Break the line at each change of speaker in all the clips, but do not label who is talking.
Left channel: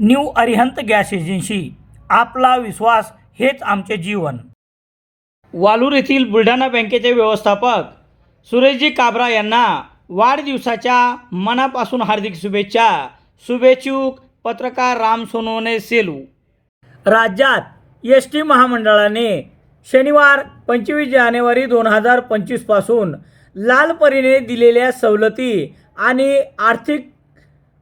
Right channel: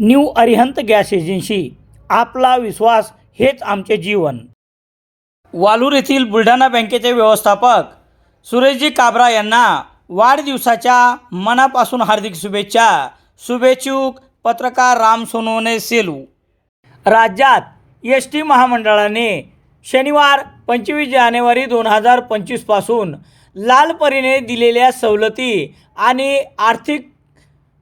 New Arihant gas agency. आपला विश्वास हेच आमचे जीवन. वालूर येथील बुलढाणा बँकेचे व्यवस्थापक सुरेशजी काबरा यांना वाढदिवसाच्या मनापासून हार्दिक शुभेच्छा. शुभेच्छुक पत्रकार राम सोनवणे सेलू. राज्यात एस टी महामंडळाने शनिवार पंचवीस जानेवारी दोन हजार पंचवीसपासून लालपरीने दिलेल्या सवलती आणि आर्थिक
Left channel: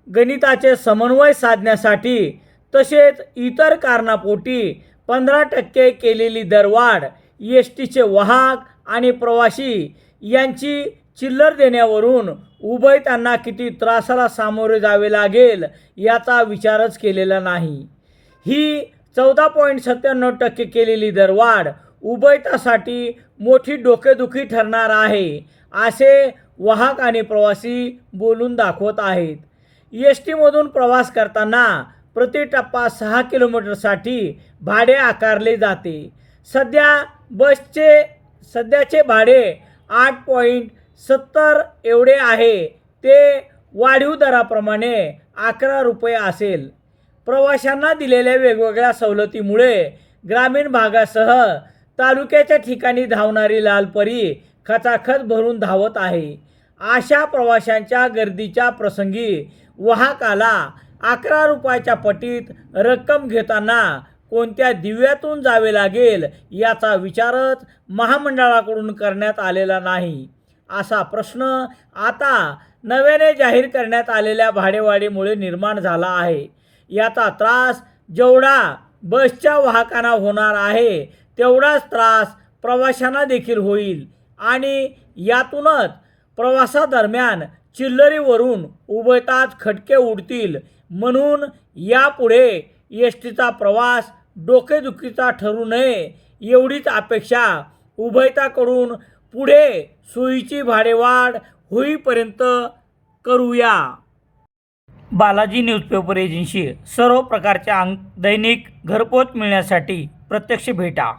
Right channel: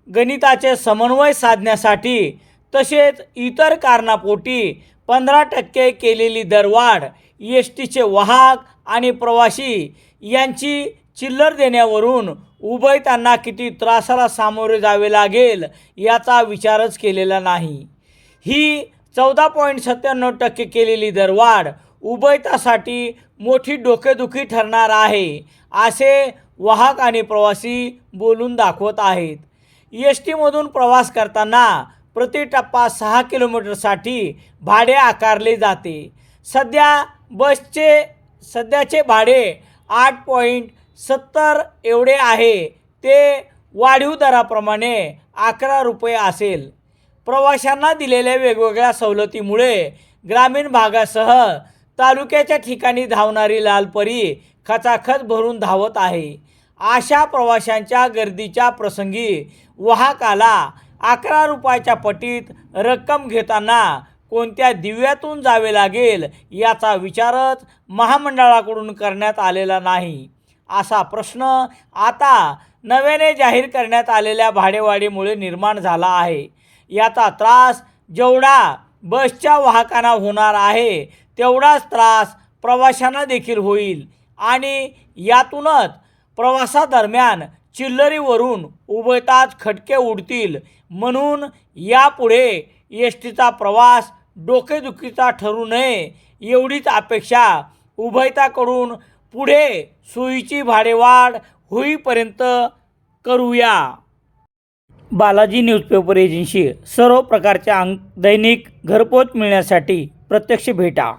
गणिताचे समन्वय साधण्यासाठी तसेच इतर कारणापोटी पंधरा टक्के केलेली दरवाढ एस टीचे वाहक आणि प्रवासी यांची चिल्लर देण्यावरून उभयतांना किती त्रासाला सामोरे जावे लागेल याचा विचारच केलेला नाही. ही चौदा पॉईंट सत्त्याण्णव टक्के केलेली दरवाढ उभयतासाठी मोठी डोकेदुखी ठरणार आहे असे वाहक आणि प्रवासी बोलून दाखवत आहेत. एस टीमधून प्रवास करताना प्रति टप्पा सहा किलोमीटरसाठी भाडे आकारले जाते. सध्या बसचे सध्याचे भाडे आठ पॉईंट सत्तर एवढे आहे. ते वाढीव दराप्रमाणे अकरा रुपये असेल. प्रवाशांना दिलेल्या वेगवेगळ्या सवलतीमुळे ग्रामीण भागासह तालुक्याच्या ठिकाणी धावणारी लालपरी खचाखच भरून धावत आहे. अशा प्रवाशांच्या गर्दीच्या प्रसंगी वाहकाला अकरा रुपयाच्या पटीत रक्कम घेताना कोणत्या दिव्यातून जावे लागेल याचा विचारच महामंडळाकडून करण्यात आलेला नाही. असा प्रश्न आता नव्याने जाहीर करण्यात आलेल्या भाडेवाढीमुळे निर्माण झाला आहे. याचा त्रास जेवढा बसच्या वाहकांना होणार आहे तेवढाच त्रास प्रवाशांना देखील होईल आणि यातूनच प्रवासादरम्यान चिल्लरीवरून उभयताच खटके उडतील. म्हणून यापुढे एस टीचा प्रवास डोकेदुखीचा ठरू नये एवढीच अपेक्षा उभयताकडून पुढे सोयीची भाडेवाढ होईपर्यंत करूया. बालाजी न्यूजपेपर एजन्सी सर्व प्रकारच्या अंक दैनिक घरपोच मिळण्यासाठी प्रत्यक्ष भेटा.